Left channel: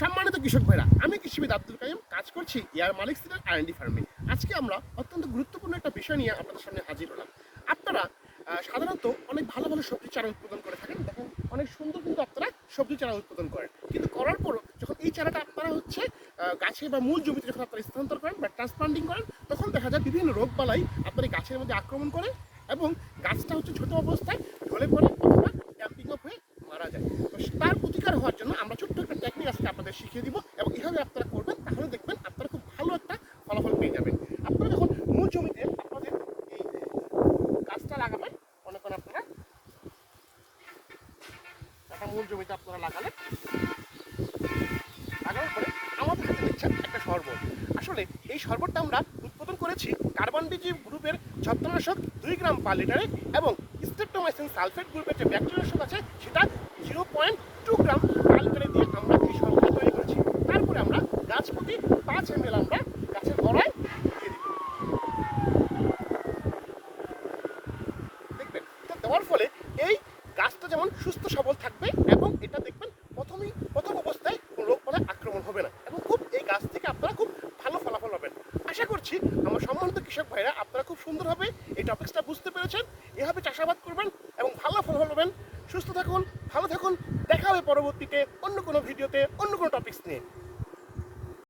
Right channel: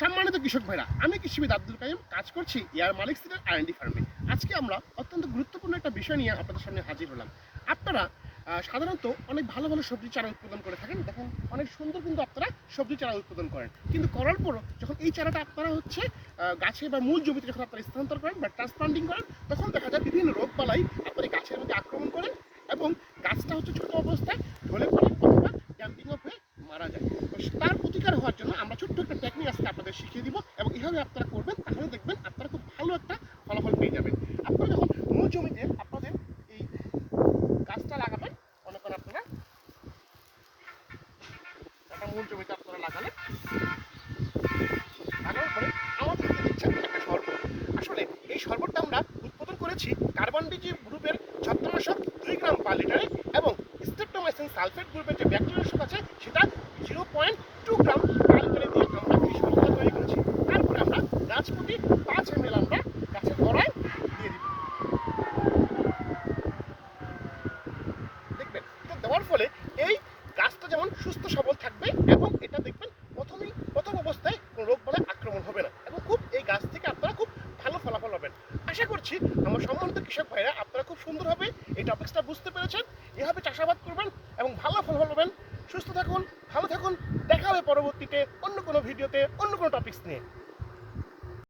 সম্মানিত কৃষক ভাইরা, আমি কৃষিবিদ আব্দুল কাইম কাজ করছি এয়ার মালিক সিডের R&D ফার্মে। আজকে আমরা অত্যন্ত গুরুত্বপূর্ণ একটা বিষয় নিয়ে আপনাদের সামনে হাজির হলাম। আপনারা সাধারণত অনেক ভালো ভালো সবজি চারা উৎপাদন করে থাকেন, তখন অনেক সুন্দর কিন্তু আপনারা সবজি চারা উৎপাদন করেন, কিন্তু করার পরও যখন এই চারাটা আপনারা গাছে বা মূল জমিতে যখন আপনারা স্থানান্তর করেন বা ট্রান্সপ্লান্টিং করেন, তখন দেখা যায় বিভিন্ন রোগ বালাই আপনার এই গাছের মধ্যে আক্রমণ করে এবং গাছটা ছোট অবস্থায় ঢলে পড়ে অথবা ড্যাম্পিং অফ হয়ে মারা যায়। তার প্রতিকার হওয়ার জন্য আমরা ছোট্ট একটা টেকনিক আজকে আপনাদের শিখিয়ে দিব এবং এইভাবে আপনারা করবেন, তাহলে দেখবেন আপনারা খুব ভালো একটা ফলাফল পেয়ে যাবেন। আপনারা যখন মূল জমিতে আপনাদের এই গাছটা লাগাবেন, মনে করেন আপনারা একটা মূল জমিতে আপনারা লাগানোর পরে আমাদের হাতে দেখছেন একটা শরবত। আসলে এই শরবতটা আমরা উৎপাদন করেছি কার্বন ডিজি গ্রুপের ছত্রনাশক 2 গ্রাম পার লিটারে এবং স্ট্রেপ্টোমাইসিন সালফেট গ্রুপের যে ব্যাকটেরিয়ানাশক আছে সেটা 0.2 গ্রাম পার লিটারে দিয়ে আমরা এই শরবতটা তৈরি করেছি। তারপরে আমরা গাছ প্রতি 5 ml আমরা